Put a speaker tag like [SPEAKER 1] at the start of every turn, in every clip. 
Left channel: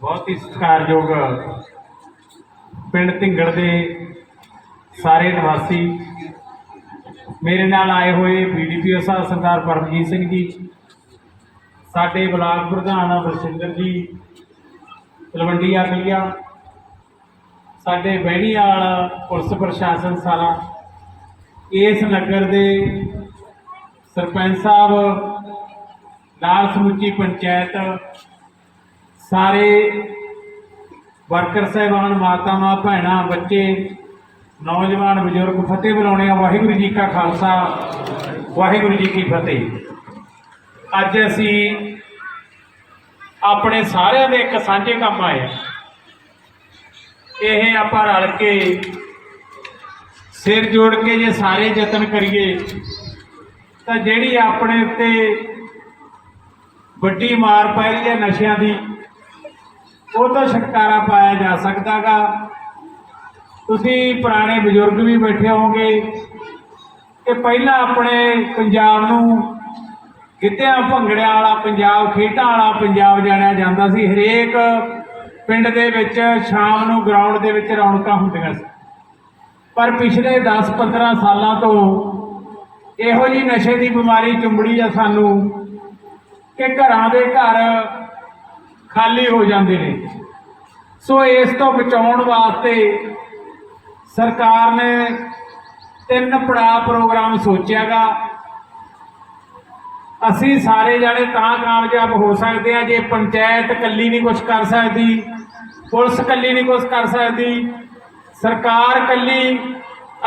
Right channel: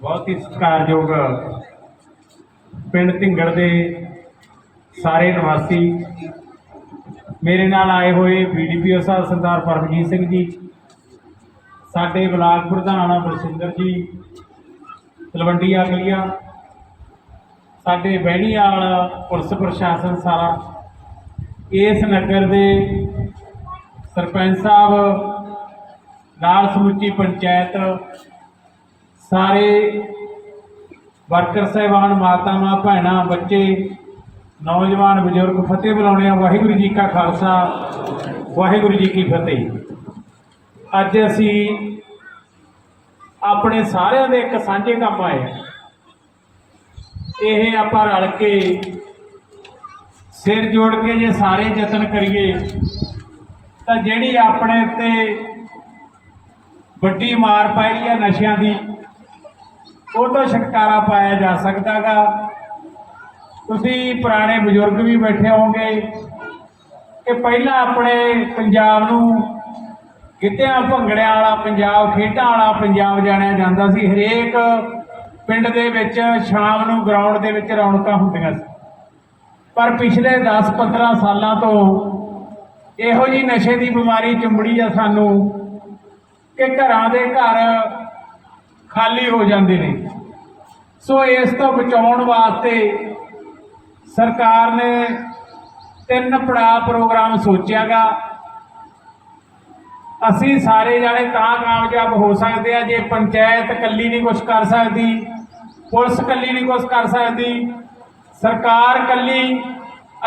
[SPEAKER 1] ਬਹੁਤ ਹੀ ਸਤਿਕਾਰਯੋਗ ਪਿੰਡ ਢਿੰਗੜ ਦੇ ਸਾਰੇ ਨਿਵਾਸੀ। ਮੇਰੇ ਨਾਲ ਆਏ ਹੋਏ ਬੀਡੀਪੀਓ ਸਾਹਿਬ ਸਰਦਾਰ ਪਰਮਜੀਤ ਸਿੰਘ ਜੀ, ਸਾਡੇ ਬਲਾਕ ਪ੍ਰਧਾਨ ਬਰਸਿੰਦਰ ਜੀ ਤਲਵੰਡੀ ਆਗਲੀਆ ਸਾਡੇ ਬਹਿਣੀਵਾਲ ਪੁਲਿਸ ਪ੍ਰਸ਼ਾਸਨ ਸਾਰਾ, ਇਸ ਨਗਰ ਦੇ ਸਰਪੰਚ ਸਾਹਿਬ ਨਾਲ ਸਮੁੱਚੀ ਪੰਚਾਇਤ ਸਾਰੇ ਵਰਕਰ ਸਾਹਿਬਾਨ ਮਾਤਾਵਾਂ ਭੈਣਾਂ, ਬੱਚੇ, ਨੌਜਵਾਨ ਬਜ਼ੁਰਗ, ਫਤਿਹ ਬੁਲਾਉਣੇ ਆ। ਵਾਹਿਗੁਰੂ ਜੀ ਕਾ ਖਾਲਸਾ, ਵਾਹਿਗੁਰੂ ਜੀ ਕੀ ਫਤਿਹ। ਅੱਜ ਅਸੀਂ ਆਪਣੇ ਸਾਰਿਆਂ ਦੇ ਇੱਕ ਸਾਂਝੇ ਕੰਮ ਆਏ ਆ। ਇਹ ਆਪਾਂ ਰਲ ਕੇ ਸਿਰ ਜੋੜ ਕੇ ਜੇ ਸਾਰੇ ਯਤਨ ਕਰੀਏ, ਤਾਂ ਜਿਹੜੀ ਆਪਣੇ ਉੱਤੇ ਵੱਡੀ ਮਾਰ ਪਾਈ ਹੈ ਨਸ਼ਿਆਂ ਦੀ ਉਹ ਤੋਂ ਛੁਟਕਾਰਾ ਪਾਇਆ ਜਾ ਸਕਦਾਗਾ। ਤੁਸੀਂ ਪੁਰਾਣੇ ਬਜ਼ੁਰਗ ਵੀ ਬੈਠੇ ਹੋਗੇ ਕਿ ਪਹਿਲਾਂ ਆਪਣੇ ਪੰਜਾਬ ਨੂੰ ਗਿੱਧਿਆਂ, ਭੰਗੜਿਆਂ ਵਾਲਾ ਪੰਜਾਬ, ਖੇਡਾਂ ਵਾਲਾ ਪੰਜਾਬ ਜਾਣਿਆ ਜਾਂਦਾ ਸੀ। ਹਰੇਕ ਪਿੰਡ ਦੇ ਵਿੱਚ ਸ਼ਾਮ ਨੂੰ ਗਰਾਊਂਡ ਦੇ ਵਿੱਚ ਰੌਣਕਾਂ ਹੁੰਦੀਆਂ ਸੀ। ਪਰ ਪਿਛਲੇ 10-15 ਸਾਲਾਂ ਤੋਂ ਇਹੋ ਜੀ ਨਸ਼ੇ ਦੀ ਬਿਮਾਰੀ ਚੁੰਬੜੀ ਆ ਸਾਨੂੰ ਕਿ ਘਰਾਂ ਦੇ ਘਰ ਖਾਲੀ ਹੋ ਜਾਂਦੇ ਨੇ। ਸੋ ਇਸ ਤੋਂ ਬਚਾਉਣ ਵਾਸਤੇ ਸਰਕਾਰ ਨੇ ਤਿੰਨ ਪੜਾਅ ਪ੍ਰੋਗਰਾਮ ਸੋਚਿਆਗਾ। ਅਸੀਂ ਸਾਰੇ ਜਾਣੇ ਤਾਂ ਕਾਮਯਾਬ ਹੋ ਸਕਦੇ ਆ ਜੇ ਪੰਚਾਇਤ ਇਕੱਲੀ ਨਹੀਂ ਕੁਝ ਕਰ ਸਕਦੀ, ਪੁਲਿਸ ਇਕੱਲੀ ਨਹੀਂ ਕੁਝ ਕਰ ਸਕਦੀ, ਸਰਕਾਰ ਇਕੱਲੀ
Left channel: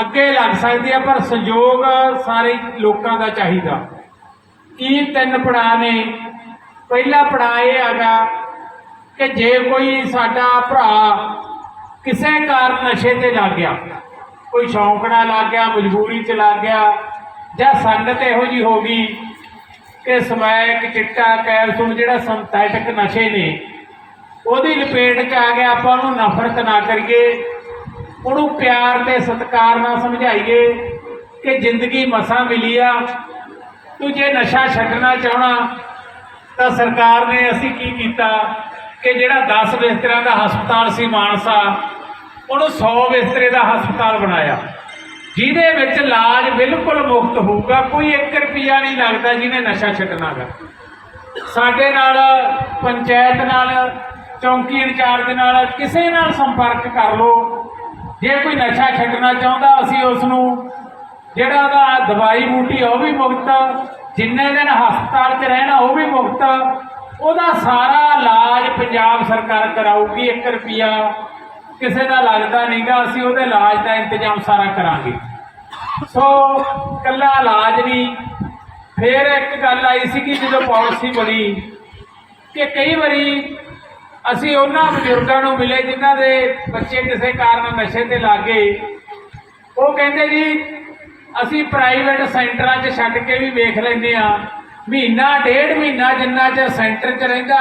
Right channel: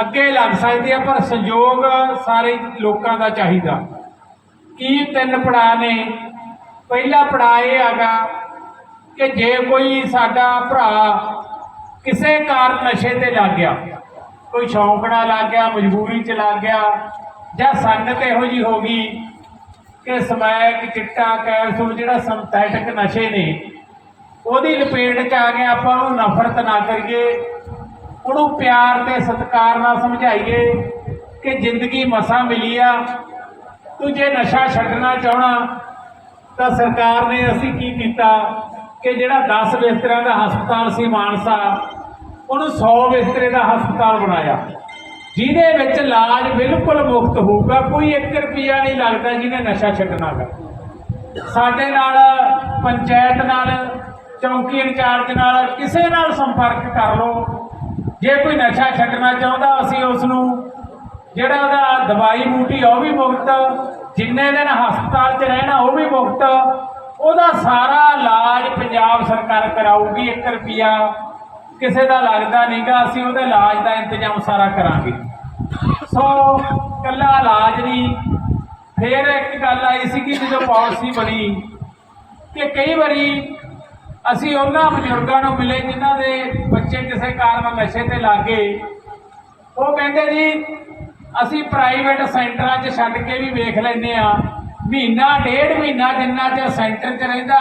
[SPEAKER 1] ਅੱਗੇ ਲੱਗ ਸਕਦੀ ਹੈ, ਪਰ ਸਹਿਯੋਗ ਸਾਰੇ ਲੋਕਾਂ ਦਾ ਚਾਹੀਦਾ। ਕੀ ਤਿੰਨ ਪੜਾਅ ਨੇ। ਪਹਿਲਾ ਪੜਾਅ ਇਹ ਹੈਗਾ ਕਿ ਜੇ ਕੋਈ ਸਾਡਾ ਭਰਾ ਕਿਸੇ ਕਾਰਨ ਨਸ਼ੇ ਤੇ ਲੱਗ ਗਿਆ, ਕੋਈ ਸ਼ੌਂਕ ਨਾਲ ਲੱਗ ਗਿਆ, ਮਜਬੂਰੀ 'ਚ ਲੱਗ ਗਿਆ, ਜਾਂ ਸੰਗਤ ਇਹੋ ਜੀ ਹੋ ਗਈ ਕਿ ਸਮੈਕ, ਚਿੱਟਾ ਕੈਪਸੂਲ ਜਿਹੜਾ ਸਿੰਥੈਟਿਕ ਨਸ਼ੇ ਨੇ, ਉਹਦੀ ਲਪੇਟ 'ਚ ਆ ਗਿਆ ਆਪਾਂ ਉਹਨੂੰ ਨਫ਼ਰਤ ਨਾ ਕਰੀਏ, ਉਹਨੂੰ ਪਿਆਰ ਤੇ ਸਤਿਕਾਰ ਨਾਲ ਸਮਝਾਈਏ ਕਿ ਜ਼ਿੰਦਗੀ ਮਸਾਂ ਮਿਲੀ ਆ, ਤੂੰ ਜੇ ਨਸ਼ਾ ਛੱਡਣਾ ਚਾਹਣਾ ਤਾਂ ਸਰਕਾਰ ਨੇ ਅਸੀਂ ਕੀ ਕੀਤਾ? ਕਿ ਜਿਹੜਾ 10 ਬਿਸਤਰਿਆਂ ਦਾ ਹਸਪਤਾਲ ਸੀ ਮਾਨਸਾ, ਉਹਨੂੰ 100 ਬਿਸਤਰੇ ਦਾ ਹਸਪਤਾਲ ਬਣਾਇਆ। ਜਿਹਦੇ ਵਿੱਚ ਇਲਾਜ ਬਿਲਕੁਲ ਮੁਫਤ ਹੋਊਗਾ, ਕੋਈ 1 ਰੁਪਿਆ ਨਹੀਂ ਲੱਗਦਾ ਜਿਹਨੇ ਨਸ਼ਾ ਛੱਡਣਾਗਾ ਸਾਡੇ ਨਾਲ ਪੰਚਾਇਤ ਨਾਲ, ਚੌਂਕੀ ਇੰਚਾਰਜ ਨਾਲ ਕਿਸੇ ਨਾਲ ਸੰਪਰਕ ਕਰ ਲਓ। ਜੇ ਕੋਈ ਨਸ਼ਾ ਛੱਡਣਾ ਚਾਹੁੰਦਾ, ਅਸੀਂ ਉਸ ਨੂੰ ਜਿਹੜਾ ਉਹਦਾ ਦਵਾਈ ਬੂਟੀ ਉਹ ਵੀ ਮੁਫਤ ਜਿੰਨੇ ਦਿਨ ਹਸਪਤਾਲ 'ਚ ਰਹਿਣਾ, ਉਹ ਵੀ ਮੁਫਤ ਉਹਦਾ ਸਾਰਾ ਇਲਾਜ ਪੰਜਾਬ ਸਰਕਾਰ ਕਰਾਊਗੀ 1 ਰੁਪਿਆ ਕਿਸੇ ਦਾ ਲੱਗਦਾ ਨਹੀਂਗਾ, ਅਸੀਂ ਉਹਦੇ ਇਲਾਜ ਦਾ ਇੰਤਜ਼ਾਮ ਸਾਰਾ ਕਰਾਂਗੇ। ਸੋ ਕੱਲਾ ਇਲਾਜ ਨਹੀਂ, ਫਿਰ ਇੱਕ ਗੱਲ ਆਈ ਸੀ ਕਿ ਜਦੋਂ ਪਾਲਿਸੀ ਬਣੀ, ਕਿ ਕਈ ਵਾਰੀ ਅਸੀਂ ਉਹਨਾਂ ਬਜ਼ੁਰਗਾਂ ਨੂੰ ਮਿਲੇ, ਜਿਨ੍ਹਾਂ ਦੇ ਬੱਚੇ ਕਿਸੇ ਕਾਰਨ ਨਸ਼ੇ ਤੇ ਲੱਗੇ। ਉਹ ਕਹਿੰਦੇ ਜੀ, ਅਸੀਂ ਪ੍ਰਾਈਵੇਟ ਸੈਂਟਰਾਂ 'ਚ ਛੱਡ ਕੇ ਵੀ ਵੇਖ ਲੈਂਦੇ ਆ ਮਹੀਨਾ, ਡੇਢ ਮਹੀਨਾ ਜਿੰਨਾ ਚਿਰ ਸੈਂਟਰ 'ਚ ਰਹਿੰਦਾ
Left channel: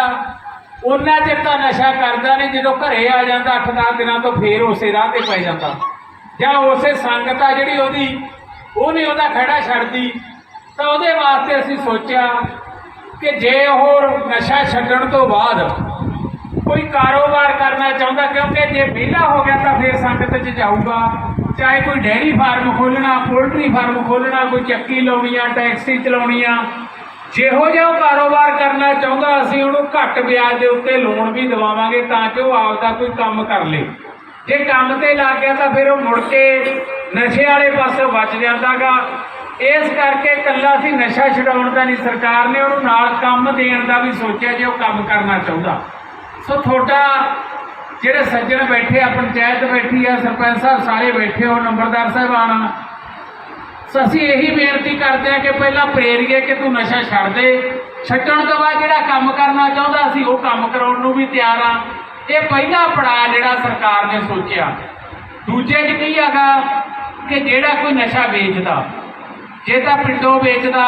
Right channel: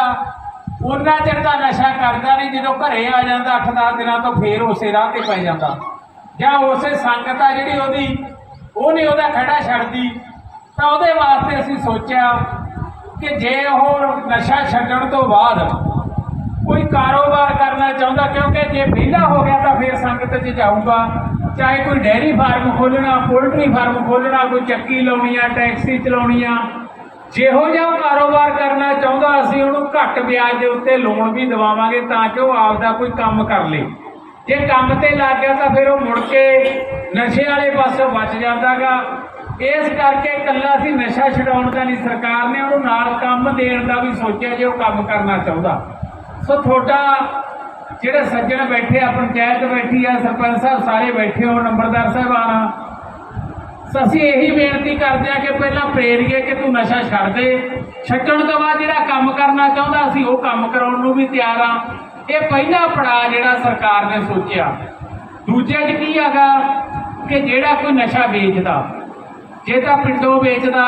[SPEAKER 1] ਉਹਨਾਂ ਚਿਰ ਤਾਂ ਨਸ਼ਾ ਕਰਦਾ ਨਹੀਂ, ਜਦੋਂ ਘਰੇ ਆ ਜਾਂਦਾ 8-10 ਦਿਨਾਂ ਤੋਂ ਫੇਰ ਉਸੇ ਰਾਹ ਤੇ ਪੈ ਜਾਂਦਾ। ਜਾਂ ਉਸੇ ਸੰਗਤ ਆ ਜਿਹੜੀ ਉਹਦੀ ਉਹਨੇ ਉਹਦਾ ਖੜਾ ਛੱਡਦੀ। ਤਾਂ ਉਹਦੇ ਵਾਸਤੇ ਅਸੀਂ ਸੋਚਿਆ ਕਿ ਜੇ ਉਹ ਨਸ਼ਾ ਛੱਡਣ ਤੋਂ ਬਾਅਦ ਕੋਈ ਕਾਰੋਬਾਰ ਕਰਨਾ ਚਾਹੁੰਦਾ, ਕਿਉਂਕਿ ਜੇ ਵਿਹਲਾ ਹੋ ਗਿਆ ਤਾਂ ਫਿਰ ਸੰਗਤ 'ਚ ਜਾਊਗਾ। ਚਾਹੇ ਕੋਈ ਡੈਰੀ ਫਾਰਮ ਖੋਲਣਾ ਪੋਲਟਰੀ ਫਾਰਮ ਖੋਲਣਾ ਕੋਈ ਚੱਕੀ ਲਾਉਣੀ ਆ, ਟੈਕਸੀ ਚਲਾਉਣੀ ਆ ਜਿਹੋ ਜਿਹਾ ਉਹ ਕਾਰੋਬਾਰ ਕਰਨਾ ਚਾਹੁੰਦਾ ਅਸੀਂ, ਉਹਨੂੰ ਘੱਟ ਵਿਆਜ ਦੇ ਉੱਤੇ ਲੋਨ ਵੀ ਦਿਵਾਵਾਂਗੇ ਤਾਂ ਕਿ ਉਹ ਆਪਦਾ ਕੋਈ ਕੰਮ ਕਰ ਲੇ। ਜੇ ਕੰਮ ਤੇ ਲੱਗ ਗਿਆ ਤਾਂ ਫਿਰ ਉਹ ਮੁੜ ਕੇ ਨਸ਼ੇ ਵਾਲੇ ਪਾਸੇ ਬਚ ਜਾਂਦਾਗਾ। ਇਸ ਕਰਕੇ ਇਕੱਲਾ ਸੀ ਨਸ਼ਾ ਛਡਾਉਣ ਦਾ ਨਹੀਂ, ਸਰਕਾਰ ਨੇ ਉਹਨੂੰ ਨਾਲ ਕੰਮ ਦੇਣ ਦਾ ਵੀ ਸੋਚਿਆ ਜੇ ਉਹ ਕੰਮ ਕਰਨਾ ਚਾਹੁੰਦਾ। ਸੋ ਤੁਹਾਡਾ ਜਿਹੜੇ ਸੱਜਣ ਬੈਠੇ ਆ, ਪੰਚਾਇਤ ਬੈਠੀ ਆ, ਸਰਪੰਚ ਸਾਹਿਬ ਸਾਰੇ ਬੈਠੇ ਹੋ, ਨੰਬਰਦਾਰ ਸਾਹਿਬਾਨ ਸੋ ਅਸੀਂ ਇਹੀ ਬੇਨਤੀ ਕਰਦੇ ਆ ਕਿ ਪਹਿਲਾਂ ਪ੍ਰੇਰੀਏ ਕਿ ਤੂੰ ਨਸ਼ਾ ਛੱਡ ਦੇ। ਛੱਡਣ ਤੋਂ ਬਾਅਦ ਜਿਹੜਾ ਕੰਮ ਕਰਨਾ ਚਾਹੁੰਦਾ ਅਸੀਂ ਉਹ ਕੰਮ ਕਰਾਉਣ ਨੂੰ ਵੀ ਤਿਆਰ ਆ ਇਹ ਪਹਿਲਾ ਪੜਾਅ ਜਿਹੜਾ ਸਰਕਾਰ ਨੇ ਸੋਚਿਆ। ਦੂਜੇ 'ਚ ਕੀ ਹੈਗਾ ਕਿ ਜਿਹੜਾ ਕੋਈ ਨਸ਼ਾ ਵੇਚਦਾ, ਜੇ ਤਾਂ ਪਿੰਡੋਂ ਵੇਚਦਾ,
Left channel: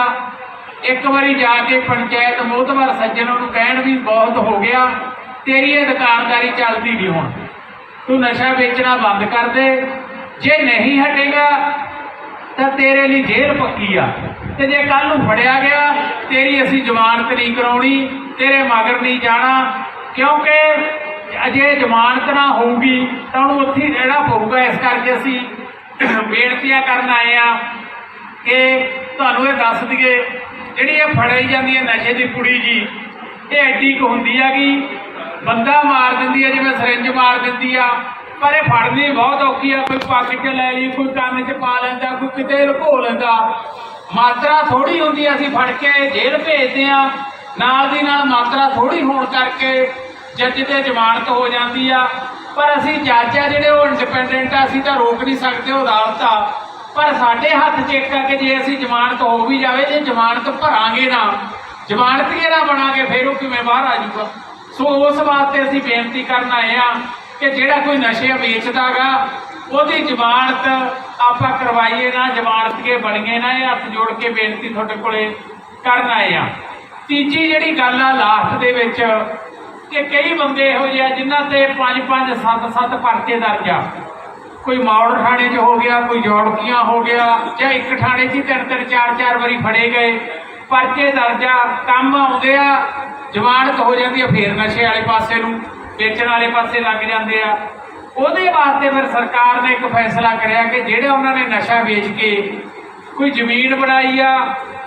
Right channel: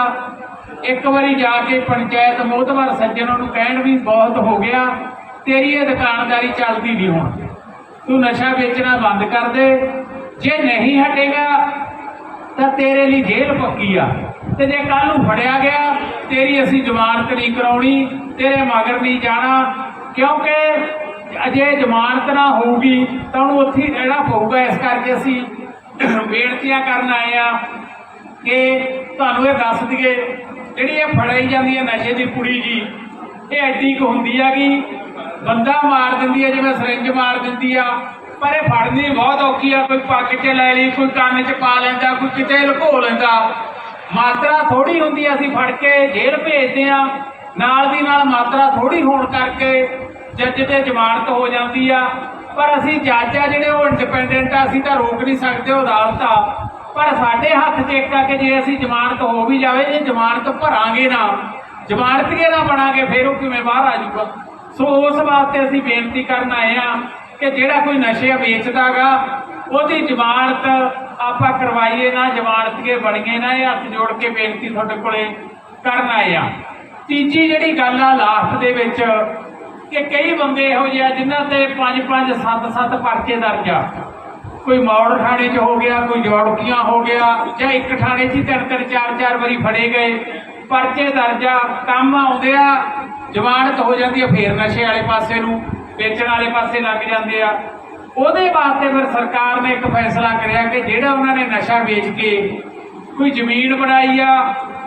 [SPEAKER 1] ਇੱਕ ਵਾਰੀ ਜਾ ਕੇ ਪੰਚਾਇਤ ਮੋਹਤਵਰ ਸੱਜਣ ਨੂੰ ਕਹਿਣ ਵੀ ਬਹੁਤ ਹੋ ਗਿਆ, ਤੇਰੀ ਇਹ ਦੁਕਾਨਦਾਰੀ ਚੱਲਦੀ ਨਹੀਂ ਹੁਣ। ਤੂੰ ਨਸ਼ਾ ਵੇਚਣਾ ਬੰਦ ਕਰ ਦੇ। ਜੇ ਨਹੀਂ ਹਟੇਗਾ ਤਾਂ ਤੇਰੇ ਲਈ ਜੇਲ੍ਹ ਪੱਕੀ ਆ। ਤੇ ਜੇ ਕੱਲ ਨੂੰ ਫੜਿਆ ਗਿਆ, ਤੇਰੀ ਅਸੀਂ ਜ਼ਮਾਨਤ ਨਹੀਂ ਕਰਾਉਣੀ, ਤੇਰੇ ਮਗਰ ਨਹੀਂ ਜਾਣਾ, ਕਿਉਂਕਿ ਅਜੇ ਜ਼ਮਾਨਤ ਨਾ ਹੋਊਗੀ, ਤਾਂ ਉਹਨੂੰ ਉੱਥੇ ਹੀ ਰਹਿਣਾ ਪਊਗਾ। ਇਸ ਕਰਕੇ ਅਸੀਂ ਬੇਨਤੀਆਂ ਕਰਨ ਆਏ ਆ ਕਿ ਤੁਹਾਨੂੰ ਇਹ ਦੱਸ ਦਈਏ, ਜਿਹੜੀ ਇਹ ਫੜਾਈ ਜਾਂਦੀ ਹੈ ਨਸ਼ੇ ਦੀ ਕੁੜੀ ਜੀ, ਇਹ ਐਡੀ ਕੁ ਹੁੰਦੀ ਆ ਕਿ ਬੰਦਾ ਮਾਰ ਦਿੰਦੀ ਆ, ਜਿਵੇਂ ਸਿਰਿੰਜ ਮਾਰ ਦਿੰਦੀ ਆ ਪਰ ਇਹ ਫੜਨੀ ਬਹੁਤ ਔਖੀ ਆ ਕੋਈ ਪਾਕਿਟ 'ਚ ਲੈ ਲਈ ਕੋਈ ਕੰਨ 'ਚ ਪਾ ਲੈਂਦਾ ਕੋਈ ਕਿਤੇ ਲੁਕੋ ਲੈਂਦਾ। ਮਾਤਰਾ ਥੋੜੀ ਹੁੰਦੀ ਆ, ਅਸੀਂ ਫੜ ਕੇ ਜੇਲ੍ਹ ਭੇਜਦੇ ਆ। ਨਾਲ ਦੀ ਨਾਲ ਮਾਤਰਾ ਥੋੜੀ ਹੋਣ ਕਰਕੇ ਜੱਜ ਤੇ ਜ਼ਮਾਨਤ ਹੋ ਜਾਂਦੀ ਆ। ਪਰ ਅਸੀਂ ਜੱਜ ਆ ਜਿਹੜੇ ਉਹ ਇੰਡੀਪੈਂਡੈਂਟ ਆ ਅਸੀਂ ਤਾਂ ਰੋਕ ਨਹੀਂ ਸਕਦੇ ਉਹ ਅਦਾਲਤ ਆ ਪਰ ਸਾਡੇ ਹੱਥ 'ਚ ਇੱਕ ਆ ਕਿ ਜੇ ਅਸੀਂ ਜ਼ਮਾਨਤ ਹੋ ਵੀ ਜਾਵੇ ਜੇ ਜ਼ਮਾਨਤ ਭਰਾਂਗੇ ਨਾ ਜ਼ਮਾਨਤ ਕੇ ਨਾ ਬਣਾਂਗੇ ਫਿਰ ਉਹ ਕਿਵੇਂ ਬਾਹਰ ਆ ਜਾਊਗਾ? ਸੋ ਉਸ ਵਾਸਤੇ ਅਸੀਂ ਬੇਨਤੀ ਕਰਨ ਆਏ ਆ ਕਿ ਜਿਹੜਾ ਕੋਈ ਨਸ਼ੇ ਵੇਚਦਾਗਾ ਉਹਦੀ ਜ਼ਮਾਨਤ ਆਪਾਂ ਕਰਵਾਈਏ ਨਾ ਜ਼ਮਾਨਤ ਕੇ ਬਣੀਏ ਨਾ, ਇਹ ਹੱਥ ਜੋੜ ਕੇ ਬੇਨਤੀ ਤੁਹਾਡੇ ਕੋਲੇ ਕਰਨ ਆਏ ਆ। ਤੀਜੀ ਜਿਹੜੀ ਗੱਲ ਆ ਲਾਸਟ ਦੇ ਵਿੱਚ, ਕਿ ਕਈ ਬੰਦੇ ਇਹੋ ਜਿਹੇ ਆ ਜਿਨ੍ਹਾਂ ਤੇ 5 5 7 7 ਪਰਚੇ ਦਰਜ ਆ। ਕੋਈ ਮੌੜ ਥਾਣੇ 'ਚ ਹੋ ਗਿਆ, ਕੋਈ ਜੋੜਕੀਆਂ ਹੋ ਗਿਆ, ਜਾਂ ਇੱਕ ਥਾਣੇ 'ਚ ਹੀ ਤਿੰਨ ਤਿੰਨ, ਚਾਰ ਚਾਰ ਵਾਰੀ ਫੜੇ ਗਏ, ਪਰਚੇ ਦਰਜ ਆ, ਕੰਮ ਆਉਂਦੇ ਆ, ਜ਼ਮਾਨਤ ਹੋ ਜਾਂਦੀ ਆ ਫੇਰ ਨਸ਼ੇ ਵਾਲੇ ਪਾਸੇ ਨੂੰ। ਵੇਚਣ ਵਾਲੇ ਪਾਸੇ ਲੱਗ ਜਾਂਦੇ ਆ। ਉਹਦੇ ਵਾਸਤੇ ਫਿਰ ਸਰਕਾਰ ਨੇ ਇੱਕ ਫੈਸਲਾ ਕਰਿਆ ਕਿ ਜਿਹੜਾ ਉਹਨਾਂ ਨੇ ਨਸ਼ਾ ਵੇਚ ਕੇ ਕੋਈ ਜ਼ਮੀਨ ਬਣਾਈ ਆ,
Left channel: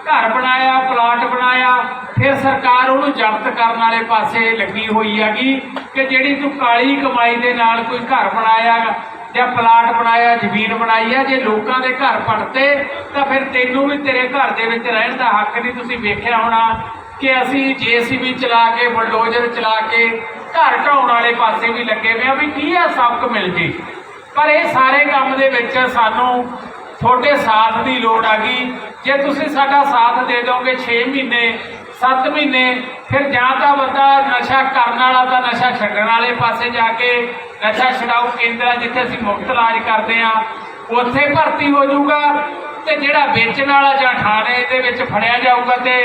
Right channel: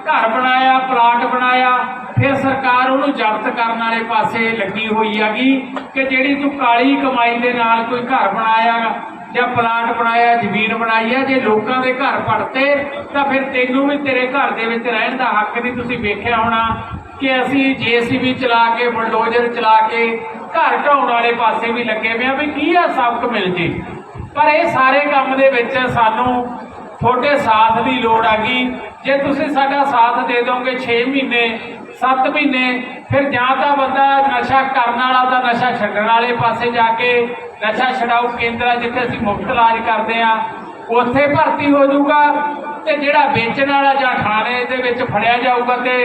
[SPEAKER 1] ਘਰ ਬਣਾਇਆ, ਪਲਾਟ ਬਣਾਇਆ, ਫਿਰ ਸਰਕਾਰ ਉਹਨੂੰ ਜ਼ਬਤ ਕਰਨ ਵਾਲੇ ਪਾਸੇ ਲੱਗੀ ਹੋਈ ਹੈਗੀ ਕਿ ਜਿਹੜੀ ਤੂੰ ਕਾਲੀ ਕਮਾਈ ਦੇ ਨਾਲ ਕੋਈ ਘਰ ਬਣਾਇਆ ਜਾਂ ਪਲਾਟ ਬਣਾਇਆ, ਜ਼ਮੀਨ ਬਣਾਈ ਆ, ਜੇ ਲੋਕਾਂ ਦੇ ਘਰ ਪੜਤੇ ਤਾਂ ਫਿਰ ਤੈਨੂੰ ਵੀ ਤੇਰੇ ਘਰ ਦੇ ਵਿੱਚ ਰਹਿਣ ਦਾ ਹੱਕ ਨਹੀਂ ਤੁਸੀਂ ਵੇਖਿਆ ਹੋਣਾ ਕਿ ਅਸੀਂ ਜੀਸੀਬੀ ਚਲਾ ਕੇ, ਬਲਡੋਜ਼ਰ ਚਲਾ ਕੇ ਘਰ ਢਾਉਣ ਵਾਲੇ ਪਾਸੇ ਵੀ ਲੱਗੇ ਹੋਏ ਆ ਵੀ ਕੀ ਆ ਸਬਕ ਮਿਲ ਜੇ। ਪਰ ਇਹ ਸਾਰੇ ਕੰਮ ਦੇ ਵਿੱਚ ਸਾਨੂੰ ਤੁਹਾਡੇ ਸਾਥ ਦੀ ਲੋੜ ਆ ਗਈ। ਜੇ ਤੁਸੀਂ ਸਾਡਾ ਸਾਥ ਦੇ ਦੋਗੇ 6 ਮਹੀਨੇ 7 ਮਹੀਨੇ, ਫਿਰ ਜਾਂ ਤਾਂ ਬੰਦਾ ਨਸ਼ਾ ਕਰਨ ਵਾਲਾ ਤਾਂ ਨਸ਼ਾ ਛੱਡਣ ਵਾਲੇ ਪਾਸੇ ਜਾ ਕੇ ਨਸ਼ਾ ਛਡਾਊ ਕੇਂਦਰ ਜਿੱਥੇ ਅਸੀਂ ਮੁਫਤ ਇਲਾਜ ਕਰਦੇ ਆ, ਉੱਥੇ ਭਰਤੀ ਹੋ ਜਾਊਗਾ। ਤੇ ਜਿਹੜਾ ਵੇਚਣ ਵਾਲਾ ਜਾਂ ਥਾਣੇ ਦੇ ਵਿੱਚ ਫੜਿਆ ਜਾਊਗਾ ਤੇ